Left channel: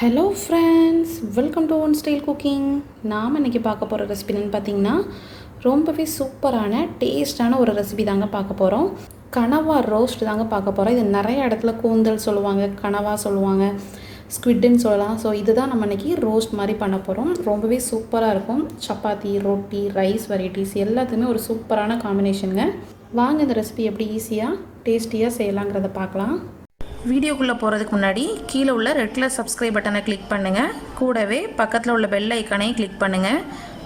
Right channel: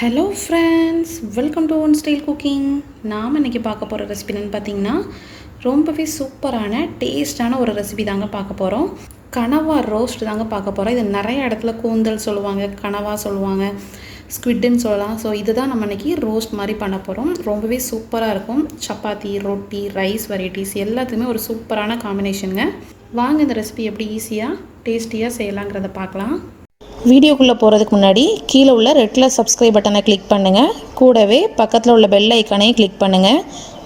Hello friends, welcome to one style cooking. நாம் இன்றைக்கி பார்க்க போகிற ரெசிபி என்னென்னு பார்த்தீங்கன்னா, ரொம்பவே சூப்பரான டேஸ்டான ஒரு ரெசிபி தாங்க பார்க்க போகிறோம். கனவா ரோஸ்ட் தாங்க பார்க்க போகிறோம். இது நிறைய இடத்துல கூந்தல் சொல்லுவாங்க, கனவா சொல்லுவாங்க, ஸ்குவிட்டுன்னு சொல்லலாம். ஸோ இதுதான் நம்ம இன்றைக்கி ரோஸ்ட் மாதிரி பண்ண போகிறோம். ரொம்பவே சூப்பராக இருக்கும். சப்பாத்தி, ரொட்டி, ரைஸ் வெரைட்டிஸ் எல்லாத்துக்குமே ஒரு சூப்பரான காம்பினேஷனுங்க. வாங்க இந்த ரெசிபி எப்படி ஈஸியாக டேஸ்டியாக செய்யலாங்கிறத பார்க்கலாம். வீடியோக்குள்ளே போகிறதுக்கு முன்னாடி கீழே உள்ள ரெட் கலர் சப்ஸ்கிரைப் பட்டனை கிளிக் பண்ணுங்கள். கூடவே பக்கத்தில் உள்ள பெல் ஐக்கானையும் கிளிக் பண்ணுங்கள்.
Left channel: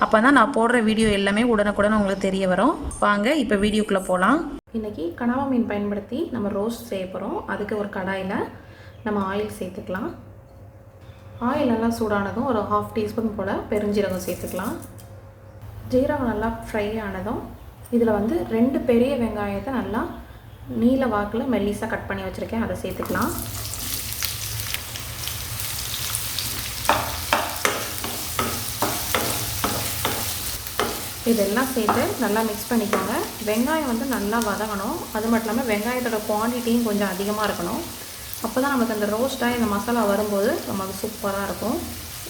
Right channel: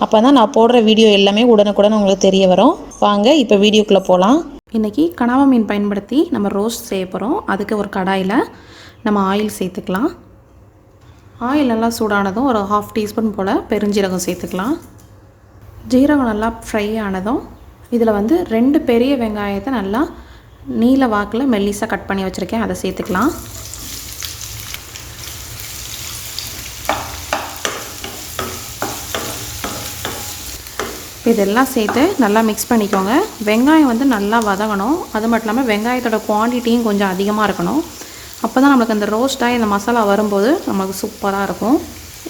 அப்போ தான் நான் போடுற வீடியோ எல்லாமே உடனுக்குடன் உங்களுக்கு தெரிய வரும். வாங்க இப்போ வீடியோக்குள்ளே போகலாம். இன்றைக்கி கனவா மீன் பயன்படுத்தி நம்ம ரோஸ்ட் செய்ய போகிறோம். அதுக்கு ஒரு கடாயில் நம்ம ஆயில் சேர்த்துக்கலாம். ஆயில் நல்லா சூடானதும் ஒரு 1/2 டீஸ்பூன் போல் பெருஞ்சீரகம் சேர்த்துக்கலாம். ஜீரகம் நல்லா ஃப்ரை ஆனதும் இதில் 2 பெரிய வெங்காயத்தை நல்லா நீல வாக்கில் மெல்லிஸாக கட் பண்ணி வச்சுருக்கேன், அதை சேர்த்துக்கலாம். இதெல்லாம் சேர்த்து நல்லா மிக்ஸ் பண்ணிக்கோங்க. வெங்காயம் நல்லா வதங்கணும். அது மட்டும் இல்லாமல் வெங்காயத்தோட குவான்டிட்டியும் கொஞ்சம் அதிகமாக இருக்கணும். அப்போ தான் நம்மளுக்கு அந்த ரோஸ்ட்டாக இந்த மசாலா வரும்போது நமக்கு சூப்பராக இருக்கும்.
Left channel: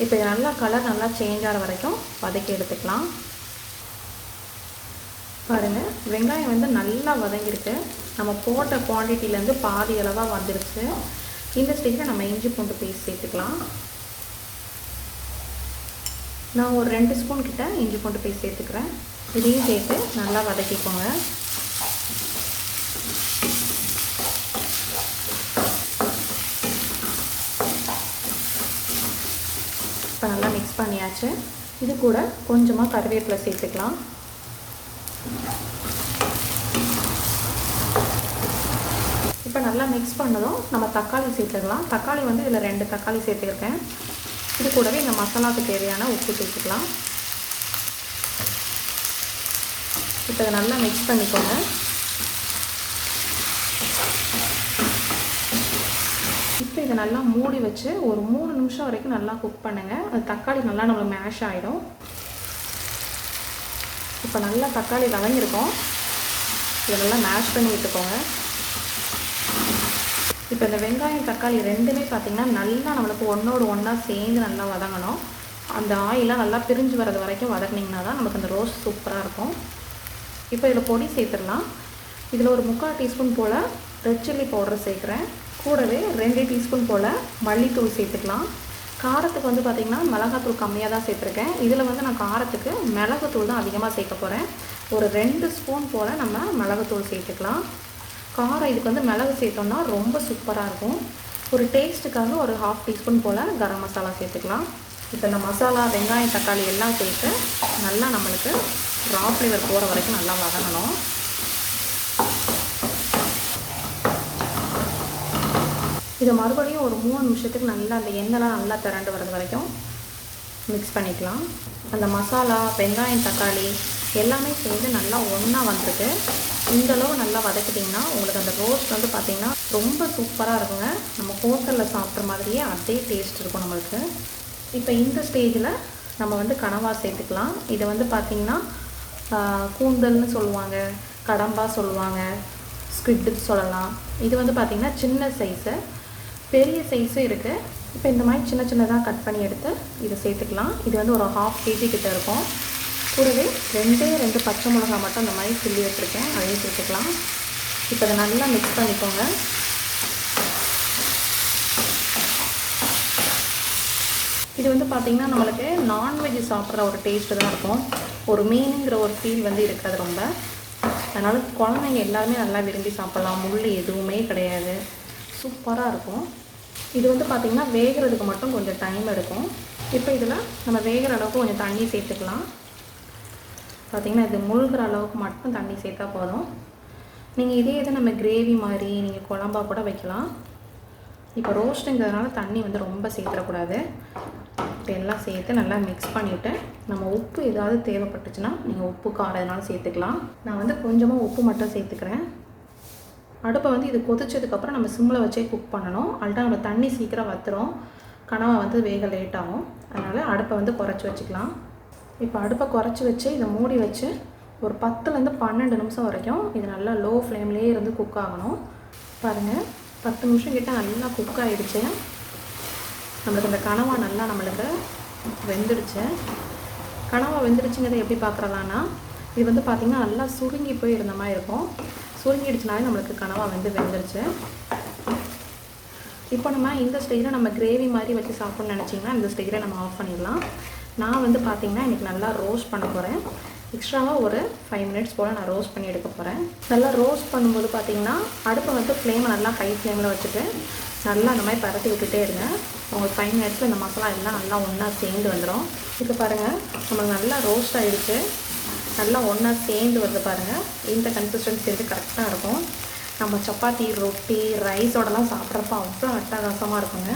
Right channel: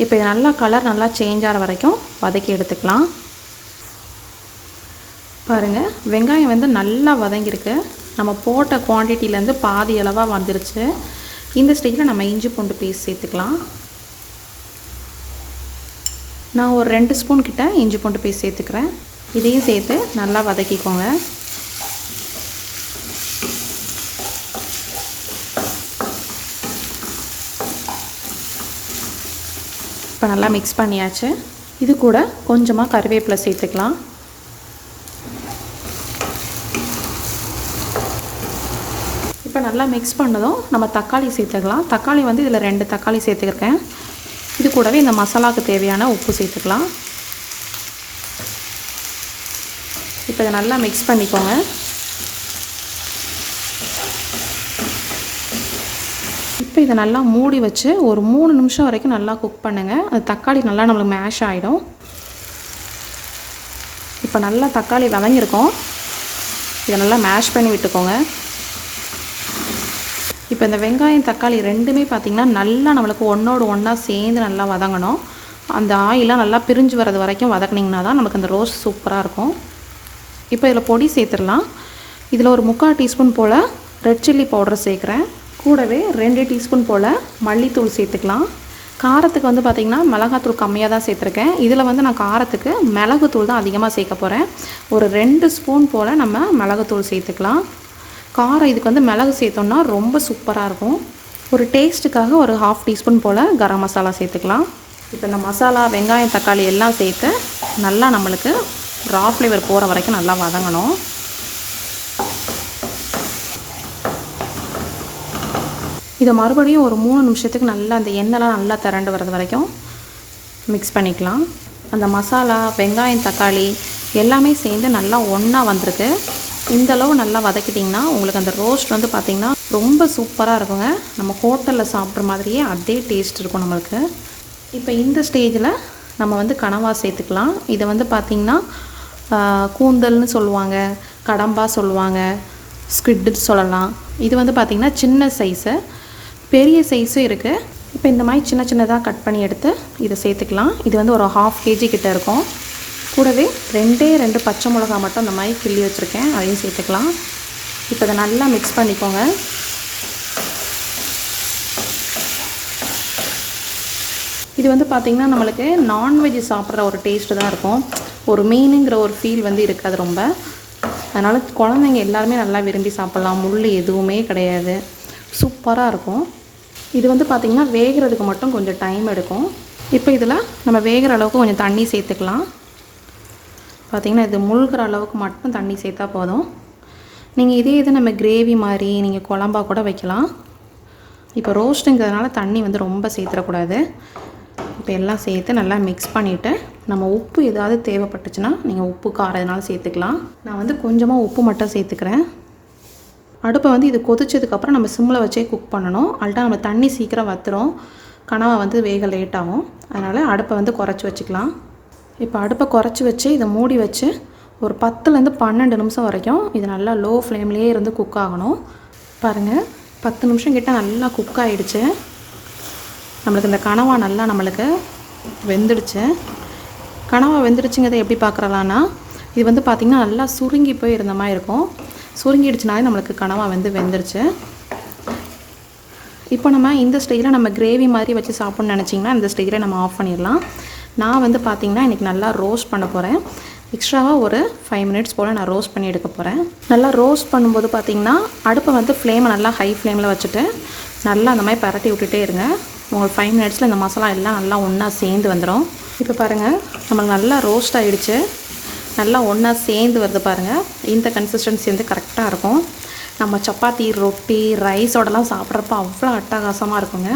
இப்போ இது நல்லா கலர் நல்லா சேஞ்ச் ஆகிற வரைக்கும் வதக்கி எடுத்துக்கலாம். பாருங்கள், வெங்காயம் நல்லா வதங்கியிருக்கு. நம்ம போட்ட குவான்டிட்டிலேருந்து பாதி அளவாக வந்துருச்சு. இந்த ஸ்டேஜில் நம்ம இஞ்சி பூண்டு பேஸ்ட் சேர்த்துக்கலாம். நான் ஒரு 2 ஸ்பூன் கிட்ட இஞ்சி பூண்டு பேஸ்ட் சேர்த்துக்கிறேன். இதையும் சேர்த்து நல்லா வதக்கிக்கோங்க. இப்போ நல்லா மிக்ஸ் பண்ணியாச்சு. இது கூட கொஞ்சமாக கறிவேப்பிலை சேர்த்துக்கலாம். இப்போ நல்லா மிக்ஸ் பண்ணதும் நம்ம தக்காளி சேர்த்துக்கலாம். தக்காளி இதில் 2 தக்காளி சேர்த்துக்கிறேன். இது கூடவே இந்த மசாலாவுக்கு தேவையான உப்பு சேர்த்துக்கலாம். இப்போ இதை நல்லா மிக்ஸ் பண்ணிக்கோங்க. இப்போ இதை நல்லா மூடி வச்சு ஒரு 3 நிமிஷம் வரைக்கும் நல்லா குக் பண்ணுங்கள். அது தக்காளி நல்லா நம்மளுக்கு மேஷ் ஆகிடும். இப்போ நல்லா தக்காளி வதங்கியிருக்கோம். இதை நல்லா மேஷ் பண்ணி விட்டுக்கோங்க. இப்போ இந்த வெங்காயம் தக்காளி ரெண்டுமே பார்த்திங்கன்னா நல்லா நம்மளுக்கு ஒன்றோடு ஒன்றா சேர்ந்து நல்லா வதங்கணும். அந்த ஆயிலாம் நல்லா பிரிஞ்சு வர்றது வரைக்கும் வதக்கினீங்கன்னா தான் நமக்கு அந்த ரோஸ்ட் சூப்பராக இருக்கும். இப்போ இதில் பொடி சேர்த்துடலாம். இதில் ஒரு 3/4 டீஸ்பூன் போல் ரெட் சில்லி பவுடர் சேர்க்குறேன். கூடவே 2 டீஸ்பூன் போல் மல்லித்தூள் சேர்த்துக்கலாம். காரத்துக்கு பார்த்திங்கன்னா மிளகாத்தூள் கம்மியாக தான் சேர்த்துருக்கேன். இதில் நான் காரத்துக்கு மிளகுத்தூள் தான் அதிகமாக சேர்க்க போகிறேன். ஒரு 2 ஸ்பூன் போல் நம்ம மிளகுத்தூள் சேர்த்துக்கலாம். காரம் இதுக்கு மிளகு சேர்த்தோம்னா ரொம்ப சூப்பராக இருக்கும். ஒரு டேஸ்ட்டுக்காக ஒரு 1/2 டீஸ்பூன் போல் கரம் மசாலா சேர்த்துக்கலாம். இப்போ இந்த மசாலா வெங்காயம் தக்காளி எல்லாம் சேர்த்து நல்லா நம்மளுக்கு ரா ஃப்ளேவர் போகிற வரைக்கும் நல்லா வதங்கணும். இதை மறுபடியும் ஒரு 3 நிமிஷத்துக்கு நல்லா அந்த எண்ணெய்லாம் நல்லா திரண்டு வர்றது வரைக்கும் மிக்ஸ் பண்ணிக்கலாம். அந்த மசாலா வெங்காயம் தக்காளி எல்லாமே சேர்ந்து நல்லா ஒன்றா வந்திருக்கு. இந்தளவு நல்லா வதக்கிட்டிங்கன்னா உங்களுக்கு அந்த ரோஸ்ட் பார்த்திங்கன்னா ரொம்ப சூப்பராக இருக்குங்க. நம்ம ஹோட்டலில் சாப்பிட்ற மாதிரியே அதே டேஸ்ட் இருக்கும் நம்மளுக்கு. இப்போ இந்த ஸ்டேஜில் நம்ம கனவா சேர்த்துக்கலாம். இதை பார்த்திங்கன்னா கூந்தல்னு சொல்லுவாங்க, கடம்பா சொல்லுவாங்க, ஸ்குவிட் சொல்லலாம். இது பார்த்திங்கன்னா சின்ன சைஸு, பெரிய சைஸும் இருக்குது. இப்போ இந்த மாதிரி சின்ன சின்னதாக கட் பண்ணி எடுத்து இதை சேர்த்துக்கலாம். இது ஒரு 1/2 kg கிட்ட இருக்கும். கூடவே 2 பச்சை மிளகா மட்டும் அந்த மாதிரி கிள்ளி வச்சுருக்கேன், அதையும் சேர்த்துக்கலாம். இப்போ இதை நல்லா மிக்ஸ் பண்ணிக்கோங்க. இது பார்த்திங்கன்னா நம்மளுக்கு நான்வெஜ் சாப்பிட்ற ஒரு டேஸ்ட்டு தான் இருக்கும். ஒரு மீனுங்கிற ஒரு ஃபீல் இருக்காது ரொம்ப. அதனால் குழந்தைங்க எல்லாருமே நல்லா விரும்பி சாப்பிட்லாம். முள் எதுவுமே கிடையாது, சூப்பராக இருக்கும். இது பார்த்திங்கன்னா வேகிறதுக்கு மட்டும் கொஞ்சம் டைம் எடுக்கும். இப்போ இதில் நம்ம வேகிற அளவுக்கு கொஞ்சம் தண்ணி சேர்த்துக்கலாம். பார்த்திங்கன்னா இது முழுகிற அளவுக்கு மட்டும் தண்ணி சேர்த்தா போதும். நீங்கள் இது நம்ம கிரேவி மாதிரி நீங்கள் குழம்பா கூட வைக்கலாம். இப்போ ரோஸ்ட்டுங்கிறதுனால தண்ணி ரொம்ப சேர்த்துடக்கூடாது. இப்போ எல்லாம் சேர்த்து நல்லா மிக்ஸ் பண்ணிவிட்டு நம்ம உப்பு ஏதாவது தேவைப்பட்டுச்சுன்னா நீங்கள் உப்பு காரம் எதனாலும் சேர்த்துக்கலாம். நான் கொஞ்சமாக உப்பு மட்டும் சேர்த்துக்கிறேன். அடுப்பை இது கொதிச்சதுக்கப்புறம் நம்ம சிம்மில் வச்சே குக் பண்ணணும். அல்ட்டா நம்ம தண்ணி சீக்கிரம் வற்றுரும், கனவா வேக லேட் ஆகும். அதனால் அடுப்பை குறைச்சி வச்சுக்கலாம். இப்போ அடுப்பை குறைச்சி வச்சு இதை மூடி வச்சு ஒரு 10லேருந்து 12 நிமிஷம் வரைக்கும் இது நல்லா லோ ஃப்ளேம்லேயே இருந்து குக் ஆகணும். பாருங்கள், 10 நிமிஷம் கிட்ட நல்லா குக் ஆகிடுச்சு. நம்மளுக்கு இந்த கனவா நல்லா நம்மளுக்கு வெந்துடுச்சு. கனவா வெந்துடுச்சுங்கிறத எப்படி பார்க்குறலான்னா, இது வந்து பார்த்திங்கன்னா நல்லா சுருங்கி போய் இருந்த மாதிரி இருக்கும். சுருங்கிடுச்சுனாலே நம்மளுக்கு கனவா வெந்துடுச்சு. இப்போ நம்ம இந்த ஸ்டேஜில் நம்ம கிரேவி மாதிரி வச்சு சாப்பிட்ணுன்னு நினச்சிங்கன்னா இந்த ஸ்டேஜில் நம்ம ஆஃப் பண்ணிடலாம். நான் வந்து பார்த்திங்கன்னா இன்றைக்கி நல்லா ரோஸ்ட் பண்ண போகிறேன். எக்ஸ்ட்ராவாக ஒரு 5 மினிட்ஸ் போல் நான் ரோஸ்ட் பண்ணி எடுக்க போகிறேன். நல்லா ரோஸ்ட் பண்ணும்போது பார்த்திங்கன்னா அடுப்பை வந்து ஃப்ளேமை நல்லா ஹை ஃப்ளேமில் வச்சுட்டு நல்லா அந்த மாதிரி பரட்டி விட்டுட்டே இருங்க. உங்களுக்கு 5 மினிட்ஸில் இந்த மசாலா எல்லாம் நல்லா ஒன்றா சேர்ந்து வந்துடும். இப்போ பாருங்கள், நம்மளுக்கு நல்லா ரோஸ்ட் ஆகிடுச்சு. நல்லா ஒன்றா சேர்ந்து வருது பாருங்கள். இந்த கன்சிஸ்டன்சி வந்து கரெக்டாக இருக்கும். நம்ம சப்பாத்தி, ரொட்டி, ரைஸோடலாம் சாப்பிட்றப்ப அவ்வளோ அட்டகாசமாக இருக்குங்க.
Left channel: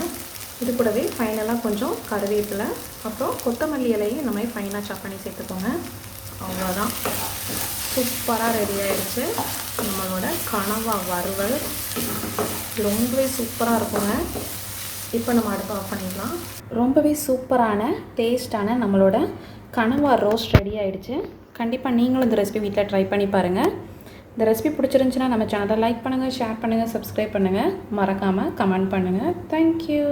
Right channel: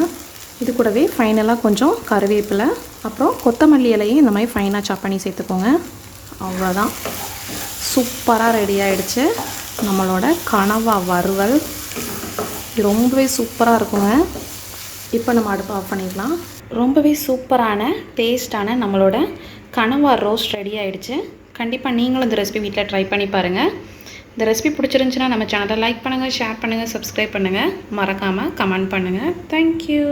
இது கூடவே ஃபைனலாக கொஞ்சம் கருவேப்பிலை, அப்புறம் கொத்தமல்லி இலையும் இந்த மாதிரி ஃபைனாக சாப் பண்ணி சேர்த்துக்கோங்க. அவ்வளோதான், சூப்பராக ரெடி ஆகிடுச்சு நம்மளோட கனவா வறுவல். ரொம்பவே சூப்பராக இருக்குங்க. இப்போ நம்ம அடுப்பு ஆஃப் பண்ணிக்கலாம். ரொம்பவே சூப்பரான டேஸ்டான நம்மளோட கனவா ரோஸ்ட் ரெடி ஆகிடுச்சு. கண்டிப்பாக நீங்களும் இந்த ரெசிபி வீட்டில் ட்ரை பண்ணி பாருங்கள். இந்த ரெசிபி பிடிச்சிருந்துச்சுன்னா நம்ம சேனலை லைக் பண்ணுங்கள், ஷேர் பண்ணுங்கள், சப்ஸ்கிரைப் பண்ணுங்கள், மறக்காமல் கமெண்ட் பண்ணுங்கள். தேங்க்யூ.